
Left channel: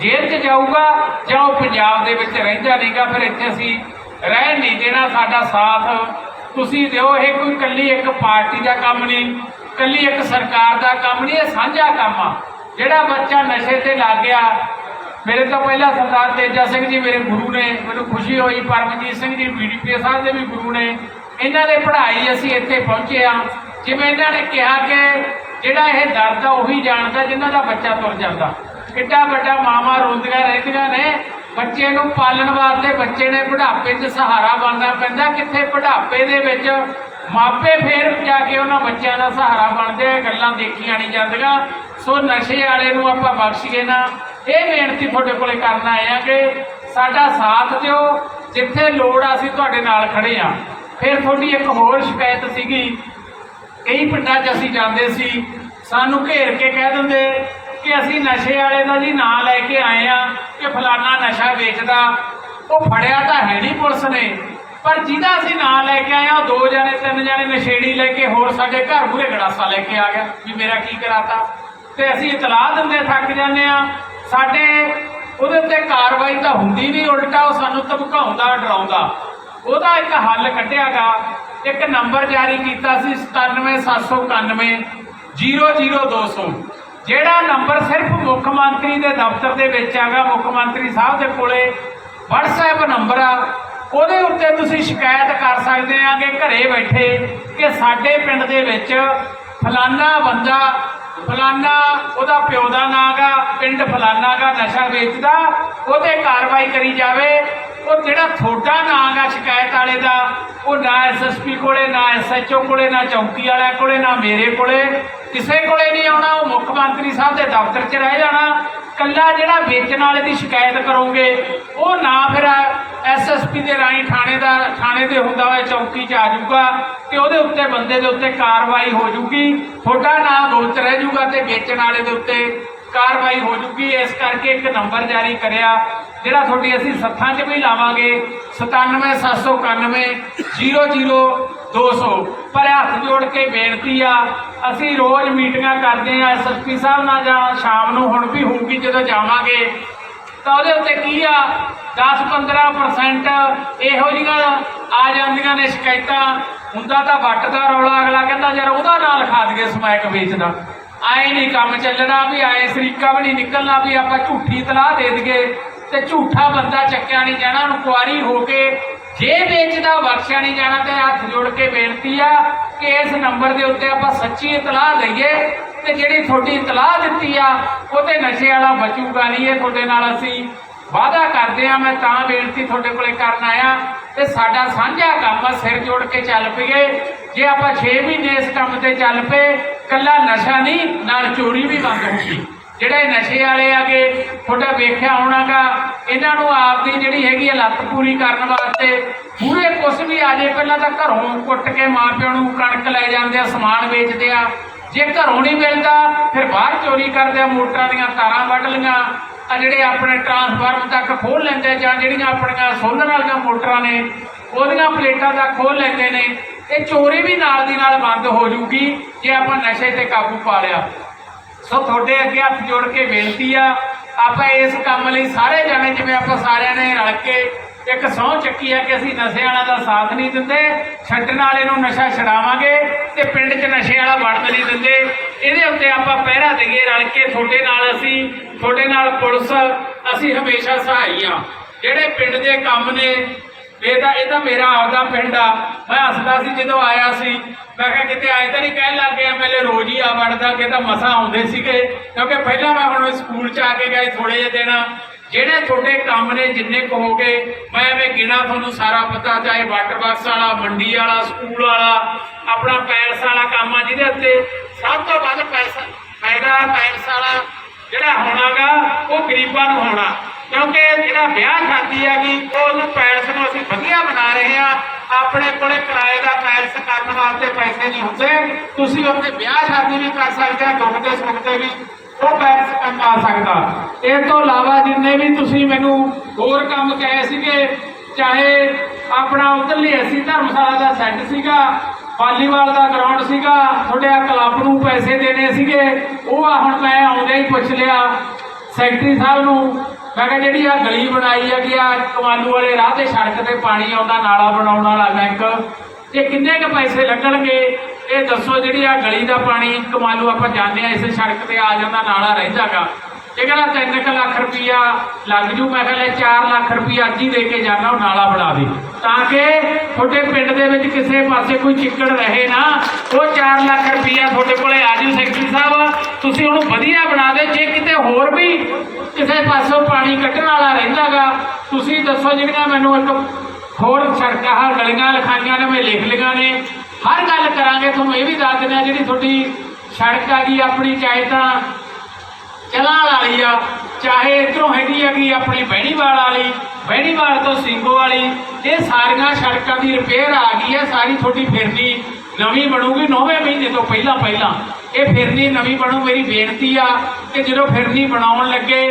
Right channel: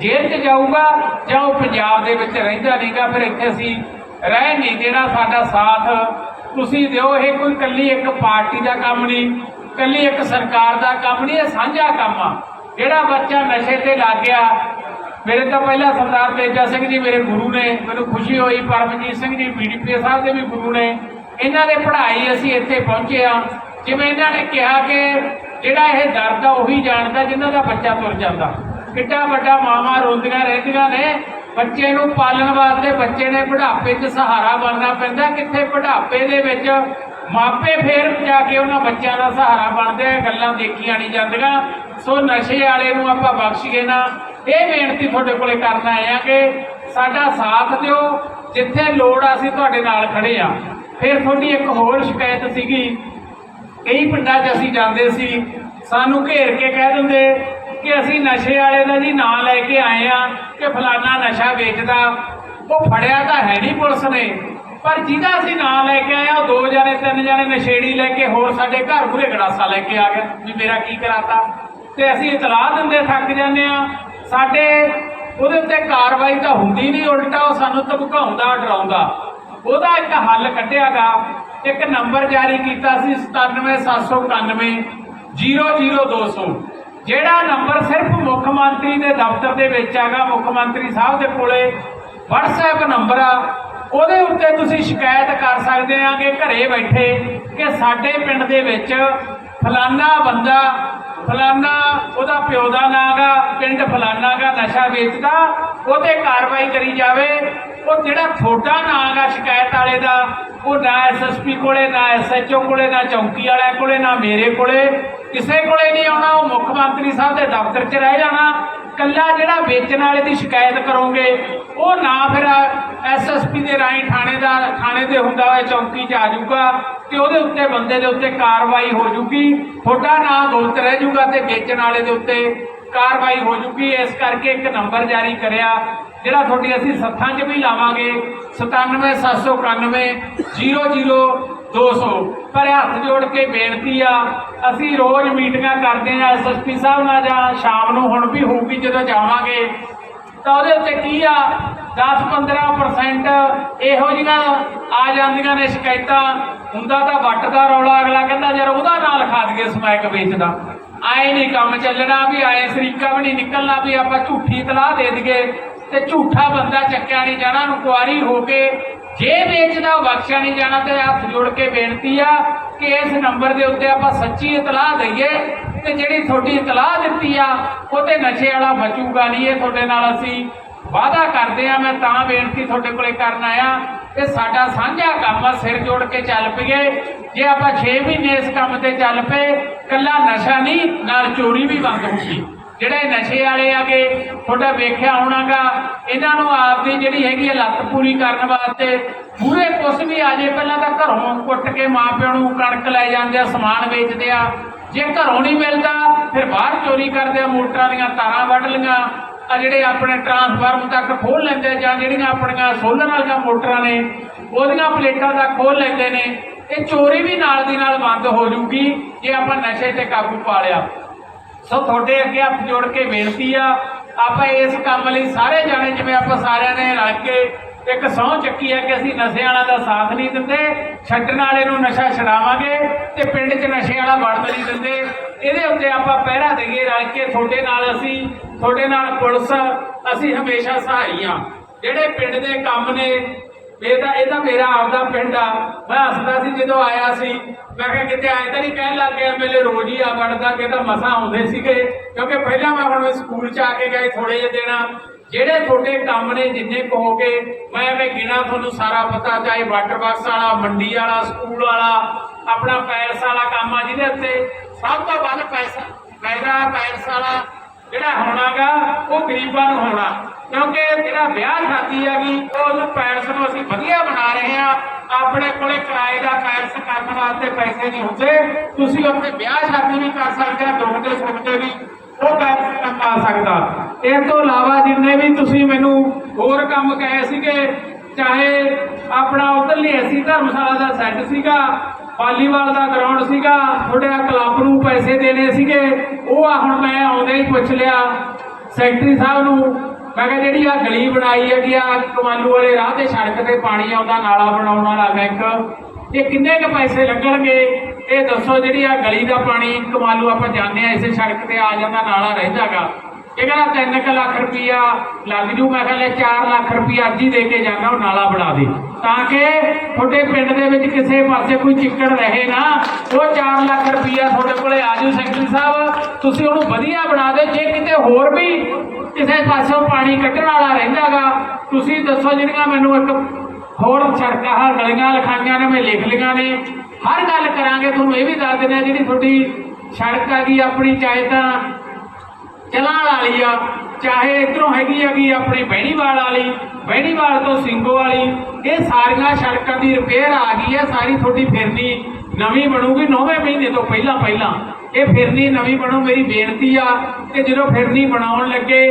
[SPEAKER 1] ਜੇਲ੍ਹ 'ਚ ਜਾਊਗਾ ਜਾਂ ਉਹ ਪੰਜਾਬ ਦੇ ਵਿੱਚ ਰਹਿੰਦਾ ਨਹੀਂਗਾ, ਫਿਰ ਇੱਥੇ ਅਸੀਂ ਰਹਿ ਨਹੀਂ ਦੇਣਾ, ਸਾਡਾ ਸਾਥ ਤੁਸੀਂ ਦਿਓ। ਇਹ ਕੋਈ ਕੱਲੀ ਇੱਕ ਪਾਰਟੀ ਦਾ ਕੰਮ ਨਹੀਂ ਕੱਲੀ ਇੱਕ ਸਰਕਾਰ ਦਾ ਕੰਮ ਨਹੀਂ, ਇਹ ਸਾਂਝਾ ਕੰਮ ਆ। ਜਿਹੜਾ ਬੱਚਾ ਨਸ਼ੇ ਤੇ ਲੱਗ ਗਿਆ, ਮੇਰੇ ਤੋਂ ਪਹਿਲਾਂ ਸਰਦਾਰ ਤੇਜਾ ਸਿੰਘ ਜੀ ਮੇਰੇ ਗੁਰੂ ਨੇ, ਮੈਨੂੰ ਖੁਸ਼ੀ ਹੋਈ, ਪਰਮਜੀਤ ਸਿੰਘ ਜੀ ਬੀਡੀਪੀ ਸਾਹਿਬ ਦੇ ਵੀ ਗੁਰੂ ਨੇ। ਇਹਨਾਂ ਦੇ ਪੜ੍ਹਾਈ ਅਸੀਂ ਇੱਥੇ ਪਹੁੰਚੇ ਆ ਜਿਵੇਂ ਇਹਨਾਂ ਨੇ ਕਿਹਾ ਕਿ ਜਿਹੜਾ ਇਹ ਦਰਦ ਆ ਉਹੀ ਜਾਣਦਾ ਜਿਨ੍ਹਾਂ ਦਾ ਬੱਚਾ ਤੁਰ ਜਾਂਦਾ। ਕਿੱਡਾ ਵੱਡਾ ਮਾਮਾ ਰੋਂਦੀਆਂ ਰਹਿੰਦੀਆਂ ਨੇ। ਬੱਚੇ ਨੂੰ ਪਾਲਣ ਵਾਸਤੇ ਬੱਚੇ ਨੇ ਬੁਢਾਪੇ 'ਚ ਸਹਾਰਾ ਬਣਨਾ ਪੈਂਦਾ। ਕਿੱਥੇ ਬੁਢਾਪੇ ਦੇ ਵਿੱਚ ਮਾਪੇ ਫੇਰ ਜਾ ਕੇ ਉਹਨਾਂ ਬੱਚਿਆਂ ਦਾ ਸਹਾਰਾ ਬਣਦੇ ਆ ਗੱਲਾਂ ਦੇਖੀਆਂ ਨਹੀਂ ਜਾਂਦੀਆਂ। ਸੋ ਨਸ਼ੇ ਵਾਲੇ ਨੂੰ ਆਪਾਂ ਬਖਸ਼ੀਏ ਨਾ। ਇਹ ਬੇਨਤੀ ਤੁਹਾਡੇ ਕੋਲੇ ਕਰਨ ਆਏ ਆ ਕਿ ਸਾਡਾ ਸਾਥ ਦਿਓ। ਜਿੱਥੇ ਲੋੜ ਆ ਅਸੀਂ ਤੁਹਾਡੇ ਨਾਲ ਖੜੇ ਆ। ਫਿਰ ਤੁਹਾਡੀ ਇੱਕ ਹੋਰ ਸ਼ਿਕਾਇਤ ਸੀਗੀ ਕਈ ਪਿੰਡਾਂ 'ਚ ਅਸੀਂ ਜਾਂਦੇ ਸੀ, ਸਾਨੂੰ ਘੇਰ ਕੇ ਕਹਿ ਦਿੰਦੇ ਕਿ ਅਸੀਂ ਨਸ਼ੇ ਵਾਲੇ ਦਾ ਜੀ ਨਾਂ ਲੈ ਕੇ ਆਏ ਆ ਕਿ ਫਲਾਨਾ ਨਸ਼ਾ ਵੇਚਦਾ। ਉਹ ਫੜਿਆ ਤਾਂ ਹੈ ਨਹੀਂ ਪੁਲਿਸ ਨੇ, ਪਰ ਜਿਹਦਾ ਅਸੀਂ ਨਾਂ ਲੈ ਕੇ ਆਏ ਆ ਉਹ ਦੋ ਜਣੇ, ਤਿੰਨ ਜਣੇ ਨਸ਼ੇੜੀ ਲੈ ਕੇ ਹੋਰ ਸਾਡੇ ਘਰ ਮੂਹਰੇ ਗੜਾਸਾ ਲੈ ਕੇ ਆ ਗਿਆ ਵੀ ਮੇਰਾ ਕੀ ਕਰਾਤਾ। ਤੇ ਅਸੀਂ ਇਤਲਾਹ ਦਿੰਦੇ, ਥੱਕ ਜਾਂਦੇ ਆ ਸਾਡੇ ਉਹਦੇ ਉੱਤੇ ਕਾਰਵਾਈ ਤਾਂ ਹੁੰਦੀ ਨਹੀਂ, ਉਲਟਾ ਉਹ ਸਾਨੂੰ ਧਮਕਾਉਂਦਾ, ਡਰਾਉਂਦਾ। ਉਹਦਾ ਇੱਕ ਹੱਲ ਕੱਢਿਆਗਾ। ਇੱਕ ਨੰਬਰ ਜਾਰੀ ਕੀਤਾ ਸੀ 97791 00200 ਜਿਹੜਾ ਨੰਬਰ ਸਿਰਫ ਮੁੱਖ ਮੰਤਰੀ ਦੇ ਦਫ਼ਤਰ ਦੇ ਵਿੱਚ ਆਗਾ ਮੁੱਖ ਮੰਤਰੀ ਸਾਹਿਬ ਦੇ ਕੋਲੇ WhatsApp ਨੰਬਰ ਆ, ਉਹਦੇ ਉੱਤੇ ਤੁਸੀਂ ਸ਼ਿਕਾਇਤ ਕਰ ਸਕਦੇ ਆ ਕਿ ਘਰੇ ਬੈਠੇ ਕਿ ਸਾਡੇ ਪਿੰਡ ਦੇ ਵਿੱਚ ਫਲਾਨਾ ਬੰਦਾ, ਫਲਾਨਾ ਉਹਦਾ ਪਿਓ ਦਾ ਨਾਂ ਗਾ ਪਿੰਡ ਫਲਾਨਾ ਗਾ ਨਸ਼ਾ ਵੇਚਦਾ ਉਹਤੇ ਕਾਰਵਾਈ ਕਰੀ ਜਾਵੇ ਉਹ ਜਿਹੜਾ ਤੁਹਾਡਾ ਨਾਂ ਗਾ ਸ਼ਿਕਾਇਤ ਵਾਲੇ ਦਾ, ਉਹ ਨਾ ਐਸਐਸਪੀ ਕੋਲੇ, ਨਾ ਐਸਐਚਓ ਕੋਲੇ, ਨਾ ਚੌਂਕੀ ਵਾਲਿਆਂ ਕੋਲੇ, ਨਾ ਮੇਰੇ ਕੋਲੇ, ਕਿਸੇ ਕੋਲੇ ਨਹੀਂ ਆਉਣਾ, ਉਹ ਮੁੱਖ ਮੰਤਰੀ ਸਾਹਿਬ ਦੇ ਦਫ਼ਤਰ 'ਚ ਰਹਿ ਜਾਣਾ। ਕੱਲਾ ਜਿਹੜਾ ਵੇਚਣ ਵਾਲੇ ਦੀ ਸ਼ਿਕਾਇਤ ਕਰੋਗੇ, ਉਹ ਨਾ ਫਿਰ ਐਸਐਸਪੀ ਦੇ ਰਾਹੀਂ ਥਾਣੇ ਦਾ, ਥਾਣੇ ਦੇ ਹੁੰਦਾ ਹੋਇਆ ਚੌਂਕੀ 'ਚ ਆ ਜਾਊਗਾ ਤੇ ਉਹਦੇ ਉੱਤੇ ਬੰਦੇ ਦੇ ਉੱਤੇ ਕਾਰਵਾਈ ਹੋ ਜੂਗੀ। ਤੁਹਾਡਾ ਨਾਮ ਗੁਪਤ ਰਹਿ ਜੂਗਾ ਤੇ ਵੇਚਣ ਵਾਲੇ ਦੇ ਉੱਤੇ ਕਾਰਵਾਈ ਹੋ ਜੂਗੀ। ਇਸ ਕਰਕੇ ਇੱਕ ਨੰਬਰ ਜਾਰੀ ਕਰਿਆ। ਜਿਹੜਾ ਤੁਹਾਡੀ ਅਸੀਂ ਸੱਥਾਂ 'ਚ ਵੀ ਲਾਵਾਂਗੇ 97791 00200 ਪਰ ਹੱਥ ਜੋੜ ਕੇ ਬੇਨਤੀ ਆ, ਅਸੀਂ ਰੋਜ਼ ਮੀਟਿੰਗਾਂ ਕਰਦੇ ਆ ਐਸਐਸਪੀ ਸਾਹਿਬ ਨਾਲ ਜਾਂ ਸ਼ਾਮ ਨੂੰ ਹੁਣ ਵੀ ਹੋਊਗੀ ਜਦੋਂ ਜਾਵਾਂਗੇ, ਤਾਂ ਉਹਦੇ ਉੱਤੇ ਕੀ ਆ 10-15% ਇਹੋ ਜਿਹੀਆਂ ਆ ਜਾਂਦੀਆਂ ਨੇ ਸ਼ਿਕਾਇਤਾਂ। ਹੁੰਦਾ ਤਾਂ ਵੱਟ ਦਾ ਰੌਲਾ, ਅਗਲਾ ਕਹਿੰਦਾ, ਯਾਰ ਉਹਦਾ ਨਾਂ ਲਿਖਾ ਦਈਏ ਸਮੈਕ ਵੇਚਦਾ ਆਏ ਨਹੀਂ ਕੰਮ ਚੱਲਣਾ ਵੀ, ਆਏ ਸਰੀਕਾ ਵੀ ਨਹੀਂ ਨਿਕਲਣਾ ਵੀ ਆਪਾਂ ਝੂਠੀ ਤਲਾਹ ਦੇ ਦਈਏ। ਤੇ ਝੂਠਾ ਬੰਦਾ ਚੱਕਿਆ ਨਹੀਂ ਜਾਣਾ ਇਨਕੁਆਰੀ ਹੋ ਕੇ ਜੇ ਵੇਚਦਾ, ਬਖਸ਼ਿਆ ਨਹੀਂ ਜਾਣਾ ਤੇ ਹੱਥ ਜੋੜ ਕੇ ਬੇਨਤੀ ਆ ਕਿ ਇਸ ਨੰਬਰ ਦੇ ਉੱਤੇ ਆਪਾਂ ਸੱਚੀ ਇਤਲਾਹ ਦਈਏ ਤੇ ਜਿਹੜੀ ਤੁਹਾਡੀ ਇਤਲਾਹ ਦਿੱਤੀ ਆ ਉਹ ਤੇ ਨਸ਼ੇ ਵਾਲਾ ਬਚੂਗਾ ਨਹੀਂ। ਇਹ ਤੁਹਾਡੇ ਨਾਲ ਅਸੀਂ ਵਾਅਦਾ ਕਰਦੇ ਆ, ਮੈਂ ਤਾਂ ਬੇਨਤੀ ਤੁਹਾਡੇ ਕੋਲੇ ਕਰਨ ਆਇਆ। ਤੇ ਸਾਡਾ ਸਾਂਝਾ ਕੰਮ ਆ, ਸਿਰ ਜੋੜ ਕੇ ਚੱਲ ਪਈਏ। ਜੇ ਆਪਾਂ 6 ਮਹੀਨੇ ਇਸ ਕੰਮ ਤੇ ਚੱਲ ਪਏ, ਕੱਲਾ ਨਸ਼ਾ ਨਹੀਂ, ਨਾਲ ਚੋਰੀ ਵੀ ਬੰਦ ਹੋਊਗੀ ਜਿਹੜੇ ਨਸ਼ੇ ਵਾਲੇ ਆਗੇ, ਤੁਹਾਡਾ ਵੇਖਿਆ ਹੋਣਾਗਾ, ਇਹਨਾਂ ਨੂੰ ਆਪਦੀ ਜਿਹੜੀ ਹੈਗੀ ਹੈ ਲੱਤ ਪੂਰੀ ਕਰਨ ਵਾਸਤੇ ਪੂਰੇ ਕੁਛ ਵੀ ਆ ਜੇ, ਪਹਿਲਾਂ ਤਾਂ ਘਰੋਂ ਕੁੱਟ ਕੇ ਮਾਪਿਆਂ ਨੂੰ ਕਣਕ ਲੈ ਜਾਂਦੇ ਆ, ਸਮਾਨ ਵੇਚਦੇ ਆ। ਜੇ ਘਰੋਂ ਨਹੀਂ ਮਿਲਦਾ, ਫਿਰ ਬਾਹਰ ਚੋਰੀ ਕਰਦੇ ਆ, ਮੋਟਰਾਂ ਦੀਆਂ ਤਾਰਾਂ ਵੱਢ ਲੀਆਂ ਆ ਜਿਹੜੇ ਆਪਣੇ ਟਰਾਂਸਫਾਰਮ ਤੱਕ ਖੋਲ ਲੈਂਦੇ ਜਾਂ ਜਿਹੜੀਆਂ ਆਪਣੀਆਂ ਸੋਲਰ ਵਾਲੀਆਂ ਮੋਟਰਾਂ ਨੇ, ਉਹਦੀਆਂ ਪਲੇਟਾਂ ਤੱਕ ਖੋਲ ਲੈਂਦੇ ਨੇ, ਇਹ ਚੋਰੀ ਵੀ ਨਾਲ ਦੀ ਨਾਲ ਬੰਦ ਹੋ ਜੂਗੀ, ਜੇ ਆਪਾਂ ਨਸ਼ੇ ਤੇ ਕਾਬੂ ਪਾ ਲਿਆ। ਸੋ ਤੁਹਾਡੇ ਅੱਗੇ ਹੱਥ ਜੋੜ ਕੇ ਬੇਨਤੀ ਆ, ਆਪਾਂ ਇਸ ਕੰਮ ਲਈ ਸਾਰੇ ਜਾਣੇ, ਜਿਵੇਂ ਆਪਾਂ ਸਾਰਿਆਂ ਨੇ ਰਲ ਕੇ ਇੱਕ ਸਹੁੰ ਚੱਕੀ ਆ ਕਿ ਅਸੀਂ ਨਸ਼ੇ ਵਾਲਾ ਦਾ ਸਾਥ ਨਹੀਂ ਦਿੰਦੇ, ਛੱਡਣ ਵਾਲੇ ਨੂੰ ਨਸ਼ਾ ਛਡਾਵਾਂਗੇ ਤੇ ਪਿੰਡ 'ਚ ਨਸ਼ੇ ਵਾਲਾ ਵੜਨ ਨਹੀਂ ਦਿੰਦੇ। ਇਹਦੇ ਉੱਤੇ ਆਪਾਂ ਪਹਿਰਾ ਦੇਈਏ ਰਲ ਕੇ, ਤੁਹਾਡੇ ਨਾਲ ਅਸੀਂ, ਤੁਹਾਡੇ ਨਾਲ ਪੁਲਿਸ, ਅਸੀਂ ਹਮੇਸ਼ਾ ਸਹਾਈ ਆ। ਜਿਹੜੇ ਪਿੰਡ ਦੇ ਕੰਮ ਨੇ ਇਹ ਤਾਂ ਇਹ ਤਾਂ ਮੇਰਾ ਆਪਦਾ ਪਿੰਡ ਆ। ਮੈਂ ਹੱਸਦਾ ਸੀ ਜਦੋਂ ਆਇਆ ਸੀ। ਮੈਂ ਕਿਹਾ, ਕਿਤੇ ਆਏ ਤਾਂ ਨਹੀਂ ਕਹਿਣ ਲੱਗ ਗਿਆ ਮੇਰੇ ਰੋਜ਼ ਹੀ ਆ ਵੜਦਾ ਕਿ ਤਾਂ ਮਸਾ ਆਉਂਦੇ ਸੀਗੇ। ਕਿਉਂਕਿ ਪਹਿਲਾਂ ਮੈਂ ਹੁਣ ਸਕੂਲ ਚ ਆ ਕੇ ਗਏ ਥੋੜੇ ਜਿਹੇ ਦਿਨ। ਜਿਹੜੇ ਤੁਹਾਡੇ ਕੰਮ ਨੇ ਜਿੰਨੇ ਕੁ ਹੋ ਗਏ, ਮੈਂ ਐਵੇਂ ਗਿਣਾ ਤੁਹਾਨੂੰ ਸਾਰਾ ਪਤਾ, ਚਾਹੇ ਵਾਟਰ ਬਾਕਸ ਵਾਲਾ, ਮੰਡੀ ਵਾਲਾ, ਸਕੂਲ ਵਾਲਾ, ਆਪਣਾ ਪੈਲਸ ਵਾਲਾ ਕੰਮ ਆ ਜਿਹਦੇ ਉੱਤੇ ਸਭ ਤੋਂ ਵੱਧ ਪੈਸਾ, ਫਾਇਦਾ ਪੈਲਸ ਵਾਲਾ ਜਿਹੜਾ ਹੋਣਾਗਾ, ਉਹ ਗਰੀਬਾਂ ਨੂੰ ਹੋਣਾ। ਕਿਉਂਕਿ ਜਿਹੜਾ ਵਿਆਹ ਸ਼ਾਦੀ ਹੈਗੀ ਉਹਨੂੰ ਪੈਲਸ ਨੂੰ ਅਸੀਂ ਵਧੀਆ ਬਣਾ ਰਹੇ ਆ ਆਪਣੇ ਕੋਲੇ ਕਿਰਾਏ ਦਾ ਪੈਲਸ ਕਰਨ ਵਾਸਤੇ ਪੈਸੇ ਨਹੀਂ ਹੁੰਦੇ। ਤੁਸੀਂ ਉੱਥੇ ਵਿਆਹ ਸ਼ਾਦੀ ਵੀ ਕਰ ਸਕਦੇ ਆ, ਦੁੱਖ ਦੇ ਸੁੱਖ ਦੇ ਵੀ ਉਹ ਪੈਲਸ ਕੰਮ ਸਕਦਾ। ਇਹ ਤੋਂ ਇਲਾਵਾ ਜਿੰਨੇ ਵੀ ਤੁਸੀਂ ਮੈਨੂੰ ਹੋਰ ਕੰਮ ਕਹੇ ਸੀਗੇ, ਚਾਹੇ ਆਪਣਾ ਉਧਰਲੀ ਐਸੀ ਧਰਮਸ਼ਾਲਾ ਦਾ ਸੈੱਟ ਸੀਗਾ, ਵਾਲੀਬਾਲ ਦਾ ਗਰਾਊਂਡ ਸੀਗਾ, ਤੁਹਾਡੇ ਆ ਕਲੱਬ ਨੂੰ ਪੈਸੇ ਦੇਣੇ ਸੀਗੇ, ਉਹ ਆ ਹੁਣ ਮੈਂ ਆਉਂਦੇ ਹੀ ਪੁੱਛ ਲਿਆ। ਸੈਕਟਰੀ ਸਾਹਿਬ ਨੂੰ ਮੈਂ ਕਿਹਾ ਜਿਹੜੀ ਆ ਗਲੀ ਬਣਾਈ ਹੈਗੀ ਆ ਕਮਾਲੂ ਵਾਲੇ ਰਾਹ ਤੇ ਸੜਕ ਤੇ ਪਾਣੀ ਆਉਂਦਾ, ਨਾਲਾ ਬਣਾਉਣ ਵਾਲਾ ਬੈਂਕ, ਇਹ ਕਿੰਨੇ ਕ ਪੈਸੇ ਲੱਗਣਗੇ? ਇਹ ਦੱਸੋ ਜਿਹੜੀ ਆ ਗਲੀ ਦਾ ਪਾਣੀ ਕਮਾਲੂ ਆਪਾਂ ਜਾਂਦੇ ਆ, ਇਸੇ ਸੜਕ ਤੇ ਆ ਜਾਂਦਾ, ਨਾਲਾ ਰਹਿੰਦਾਗਾ। ਇਹ ਕਹਿੰਦਾ 3 ਲੱਖ ਰੁਪਈਆ ਲੱਗ ਜੂ, ਮੈਂ ਕਹਿੰਦਾ 4 ਲੱਖ ਰੁਪਈਆ ਅੱਜ ਹੀ ਦੇ ਕੇ ਜਾਣਾ ਉਹ ਨਾਲਾ ਬਣਾ ਦੇ। ਤਾਂ ਕਿ ਤੁਹਾਡੇ ਪਿੰਡ ਦੇ ਵਿੱਚ ਕਿਸੇ ਪਾਸੇ ਕੋਈ ਚਿੱਕੜ ਰਹੇ ਨਾ, ਉਹ 4 ਲੱਖ ਰੁਪਈਆ ਤੁਹਾਡੇ ਕੋਲੇ ਆ ਜੂ, ਸੈਕਟਰੀ ਸਾਹਿਬ, ਤੁਸੀਂ ਉਹਨੂੰ ਵਧੀਆ ਬਣਾ ਦੇ, ਜੇ ਕਿਤੇ ਹੋਰ ਵੀ ਕਿਸੇ ਪਾਸੋਂ ਪਾਣੀ ਕੱਢਣ ਵਾਲਾ ਰਹਿੰਦਾਗਾ। ਤੁਸੀਂ ਦੱਸੋ ਜਿਹੜੀਆਂ ਮੈਨੂੰ ਇੱਕ ਹੋਰ ਸੜਕਾਂ ਹਰ ਗਲੀਆਂ ਲਿਖਾਈਆਂ ਨੇ, ਮੈਂ ਲਿਖ ਲਈਆਂ ਨੇ। ਹਰ ਗੱਲ ਕਰਾਂਗੇ, ਤੁਹਾਨੂੰ ਇਹ ਵੀ ਦੱਸ ਦਿੰਦੇ ਆ ਜਿਹੜੀ ਤੁਹਾਡੀ ਸੜਕ ਆ ਗਈ, ਆਪਣੀ ਚਾਹੇ ਤਾਂ ਚਲਾਣ ਵਾਲੀ ਆ, ਚਾਹੇ ਇਧਰੋਂ ਹੈਗੀ ਹੈਗੀ ਆਪਣੀ ਬਹਿਣੀਵਾਲ ਵਾਲੀ, ਬਹਿਣੀਵਾਲ ਤੋਂ ਸਿੰਘੋ ਵਾਲੀ, ਇਹ ਸਾਰੀਆਂ ਸੜਕਾਂ ਦੀ ਰਿਪੇਅਰ ਆ ਗਈ ਹੈ, ਸਾਰੀ ਤੁਹਾਡੀ ਫਿਰਨੀ ਨਵੀਂ ਬਣੂਗੀ 9ਵੇਂ ਮਹੀਨੇ ਤੋਂ ਪਹਿਲਾਂ ਪਹਿਲਾਂ। ਇਹ ਫਿਰਨੀ ਨਵੀਂ ਬਣੂ, ਮੇਰੀ ਬੇਨਤੀ ਆ ਕਿ ਜਦੋਂ ਫਿਰਨੀ ਬਣਾਉਣ ਲੱਗੇ,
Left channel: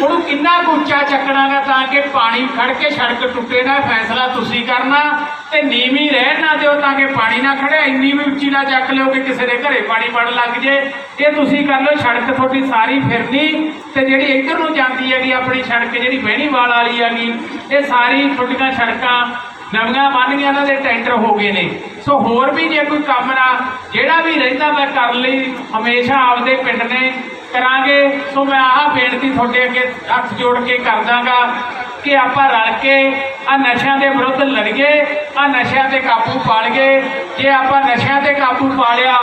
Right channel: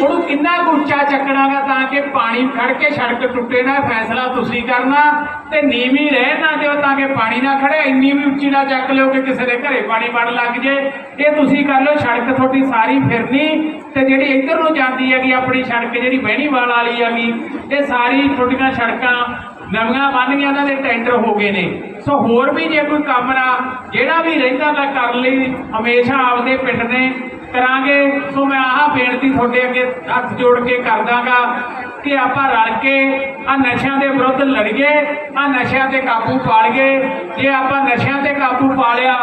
[SPEAKER 1] ਉਹਨੂੰ ਕਿੰਨਾ ਉੱਚਾ ਚੱਕਣਾਗਾ ਤਾਂ ਕਿ ਪਾਣੀ ਖੜ ਕੇ ਸੜਕ ਟੁੱਟੇ ਨਾ, ਫੈਸਲਾ ਤੁਸੀਂ ਕਰਨਾ ਤੇ ਨੀਵੀਂ ਰਹਿਣ ਨਾ ਦਿਓ ਤਾਂ ਕਿ ਪਾਣੀ ਨਾ ਖੜੇ ਇੰਨੀ ਵੀ ਉੱਚੀ ਨਾ ਚੱਕ ਲਿਓ ਕਿ ਕਿਸੇ ਦੇ ਘਰੇ ਪਾਣੀ ਵੜਨ ਲੱਗ ਜੇ। ਇਹ ਤੁਸੀਂ ਕਰ ਲਓ, ਸੜਕ ਤੁਹਾਡੀ ਸਾਰੀ ਫਿਰਨੀ ਤੇ ਜਿਹੜੀ ਇੱਧਰ ਨੂੰ ਜਾਂਦੀ ਹੈਗੀ ਆਪਣੀ ਸੜਕ, ਜਿਹੜੀ ਬਹਿਣੀਵਾਲ ਵਾਲੀ ਹੈਗੀ, ਇਹ ਸਾਰੀ ਤੁਹਾਡੀਆਂ ਸੜਕਾਂ ਨਵੀਆਂ ਬਣ ਗਈਆਂ, ਇਹਨਾਂ ਦੇ ਟੈਂਡਰ ਹੋ ਗਏ ਨੇ। ਸੋ ਹੋਰ ਵੀ ਜੇ ਕੋਈ ਕੰਮ ਨਾ, ਜਿਹੜਾ ਵੀ ਰਹਿੰਦਾ ਮੈਂ ਕਰਨ ਲਈ ਹਮੇਸ਼ਾ ਆਪਦੇ ਪਿੰਡ ਨੇ ਕਰਾਂਗੇ। ਸੋ ਮੈਂ ਆਹ ਬੇਨਤੀ ਤੁਹਾਡੇ ਅੱਗੇ ਹੱਥ ਜੋੜ ਕੇ ਕਰਦਾਗਾ ਕਿ ਆਪਾਂ ਰਲ ਕੇ ਆ ਨਸ਼ਿਆਂ ਦੇ ਵਿਰੁੱਧ ਲੜੀਏ ਆ ਨਸ਼ਿਆਂ ਤੇ ਕਾਬੂ ਪਾਲੀਏ। ਜੇ ਆਪਾਂ ਨਸ਼ਿਆਂ ਤੇ ਕਾਬੂ ਪਾ ਲਿਆ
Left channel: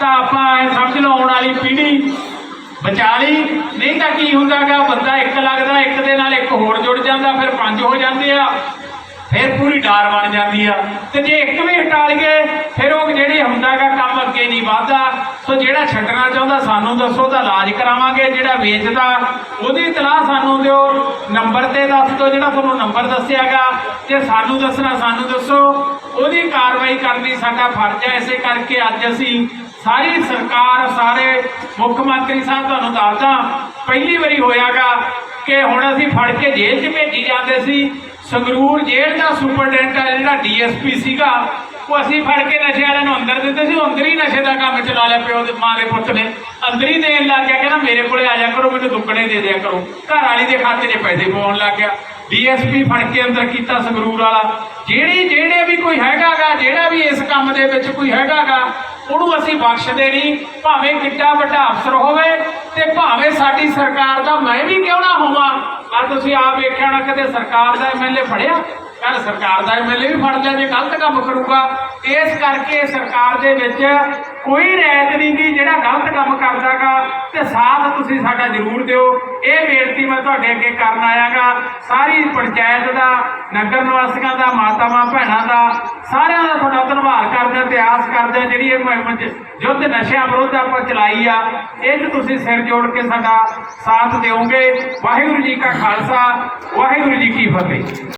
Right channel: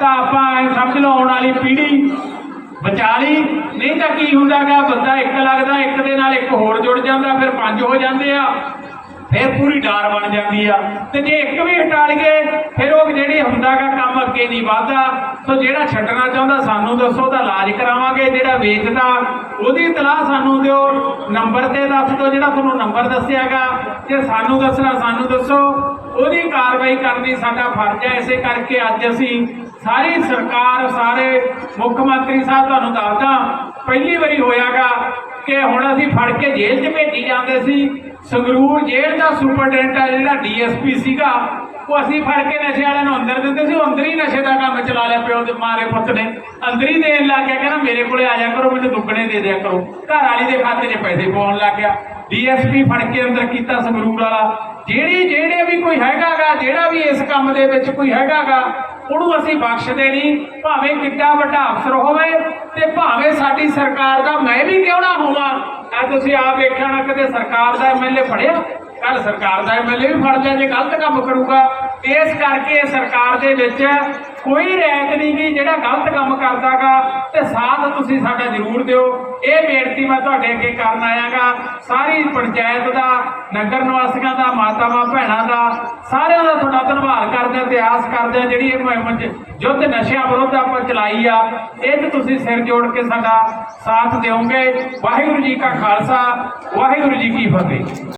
[SPEAKER 1] ਤਾਂ ਆਪਾਂ ਐਂ ਸਮਝ ਲਓ ਆਉਣ ਵਾਲੀ ਪੀੜ੍ਹੀ ਬਚਾ ਲਈ। ਨਹੀਂ ਤਾਂ ਕੀ ਹੁੰਦਾਗਾ, ਬੰਦਾ ਇੱਕ ਲੱਗਦਾ, ਇੱਕ ਦੇ ਨਾਲ ਇੱਕ ਹੋਰ ਜੁੜ ਜਾਂਦਾ, ਫਿਰ ਪੰਜ ਹੋ ਜਾਂਦੇ ਆ। ਫਿਰ ਪੂਰੀ ਡਾਰ ਬਣ ਜਾਂਦੀ ਆ। ਤੇ ਜੇ ਇੱਕ ਵੀ ਹਟਾ ਲਈਏ, ਫਿਰ ਉਹ ਜਿਹੜੇ ਹੁੰਦਾਗਾ ਕੰਮ ਅੱਗੇ ਨਹੀਂ ਵਧਦਾ। ਸੋ ਜਿਹੜਾ ਛੱਡਣਾ ਚਾਹੁੰਦਾ ਸਾਨੂੰ ਦੱਸੋ ਤਾਂ ਇਲਾਜ ਕਰਾਵਾਂਗੇ। ਜਿਹੜਾ ਵੇਚਦਾ, ਉਹਦੀ ਇਤਲਾਹ ਸਾਨੂੰ ਦਿਓ। ਨੰਬਰ ਤੇ ਦੱਸ ਦਿਓ, ਜਿਹੜਾ ਤੁਹਾਨੂੰ ਨੰਬਰ ਦੱਸਿਆਗਾ। ਜੇ ਸਾਨੂੰ ਦੱਸਣਾ, ਸਾਨੂੰ ਦੱਸੋ। ਉਹਦੀ ਕਾਰਵਾਈ ਕਰਨੀ ਸਾਡਾ ਫਰਜ਼ ਹੈ। ਇਸੇ ਕਰਕੇ ਅੱਜ ਅਸੀਂ ਸਾਰੀ ਸਰਕਾਰ, ਸਾਰੇ ਮੁੱਖ ਮੰਤਰੀ ਸਾਹਿਬ ਤੁਹਾਨੂੰ ਦੱਸਦਾ। ਪਹਿਲੀ ਵਾਰੀ ਹੋਇਆਗਾ ਕਿ ਹੁਣ ਅਸੀਂ ਫੜ ਕੇ ਜੇਲ੍ਹ 'ਚ ਭੇਜੀ ਜਾਂਦੇ ਸੀ। ਸੰਗਰੂਰ ਜੇਲ੍ਹ ਦਾ ਸੁਪਰਡੈਂਟ ਆ, ਜਿਹੜਾ ਡੀਐਸਪੀ ਸੀਗਾ, ਉਹ ਅਸੀਂ ਫੜ ਕੇ ਨਸ਼ੇ ਵਾਲਿਆਂ ਨੂੰ ਅੰਦਰ ਦਿੰਦੇ ਸੀ ਅੰਦਰ ਹੀ ਨਸ਼ੇ ਦਾ ਕੰਮ ਚਲਾ ਲਿਆ ਪਿਓ ਦੇ ਮਾਰੇ ਪੁੱਤ ਨੇ। ਅੰਦਰ ਹੀ ਦੇਣ ਲੱਗ ਗਿਆ ਕਹਿੰਦਾ, ਮੇਰੇ ਕੋਲੇ ਆ ਜਾ ਕਰੋ, ਮੈਨੂੰ ਦੁੱਗਣੇ ਦੇ ਦਿਆ ਕਰੋ। ਘਰ ਵਾਲੀ ਦੇ ਖਾਤੇ 'ਚ ਪੈਸੇ ਪਾਉਣ ਲੱਗ ਗਿਆ। ਡੀਐਸਪੀ ਫੜ ਕੇ ਅੰਦਰ ਕੀਤਾ ਸੰਗਰੂਰ ਵਾਲਾ। ਜਿਹੜੀ ਜਿਹੜੇ ਵੀ ਕੋਈ ਹੈਗਾਗਾ, ਜਿਹੜਾ ਵੀ ਇਸ ਕੰਮ ਦੇ ਵਿੱਚ ਕੋਈ ਹੈਗਾਗਾ ਉਹਨੂੰ ਅਸੀਂ ਬਖਸ਼ਦੇ ਨਹੀਂ, ਭਾਵੇਂ ਕਿੱਡਾ ਵੱਡਾ ਅਫਸਰ ਹੋਵੇ ਤੇ ਭਾਵੇਂ ਸਾਡੀ ਸਰਕਾਰ ਦਾ ਮੈਂ ਵੀ ਕਿਉਂ ਨਾ ਹੋਵਾਂ। ਆ ਤੁਸੀਂ ਆਪ ਵੇਖਿਆ ਨਾ ਕਦੇ ਸਰਕਾਰ ਦਾ ਐਮਐਲਏ ਫੜਿਆ ਕੱਲ ਸਰਕਾਰ ਦਾ ਐਮਐਲਏ ਵੀ ਫੜ ਲਿਆ, ਜੇ ਗਲਤ ਕੰਮ ਕਰੂਗਾ। ਇਸ ਕਰਕੇ ਸਰਕਾਰ ਦੇ ਵਿੱਚ ਕੋਈ ਰੈਤ ਨਹੀਂ ਗੀ, ਜਿਹੜਾ ਗਲਤ ਕੰਮ ਕਰਦਾਗਾ, ਤੇ ਸਾਥ ਤੁਸੀਂ ਸਾਡਾ ਜ਼ਰੂਰ ਦਿਓ। ਇਹ ਬੇਨਤੀ ਮੈਂ ਤੁਹਾਡੇ ਅੱਗੇ ਕਰਨ ਆਇਆਗਾ। ਸਾਰੀ ਪੰਚਾਇਤ ਦਾ, ਨਗਰ ਨਿਵਾਸੀਆਂ ਦਾ ਮਾਤਾਵਾਂ ਭੈਣਾਂ ਦਾ, ਸਾਰਿਆਂ ਦਾ ਤੁਹਾਡਾ ਧੰਨਵਾਦ ਕਰਦੇ ਹਾਂ ਤੇ ਆਸ ਕਰਦੇ, ਜਿਹੜੀ ਇਹ ਮੁਹਿੰਮ ਚ ਯੁੱਧ ਨਸ਼ਿਆਂ ਵਿਰੁੱਧ ਆਪਾਂ ਚਲਾਈ ਆ, ਇਹ 'ਚ ਤੁਸੀਂ ਸਿਰ ਜੋੜ ਕੇ ਸਾਡਾ ਸਾਥ ਦਿਓਗੇ। ਵਾਹਿਗੁਰੂ ਜੀ ਕਾ ਖਾਲਸਾ, ਵਾਹਿਗੁਰੂ ਜੀ ਕੀ ਫਤਿਹ।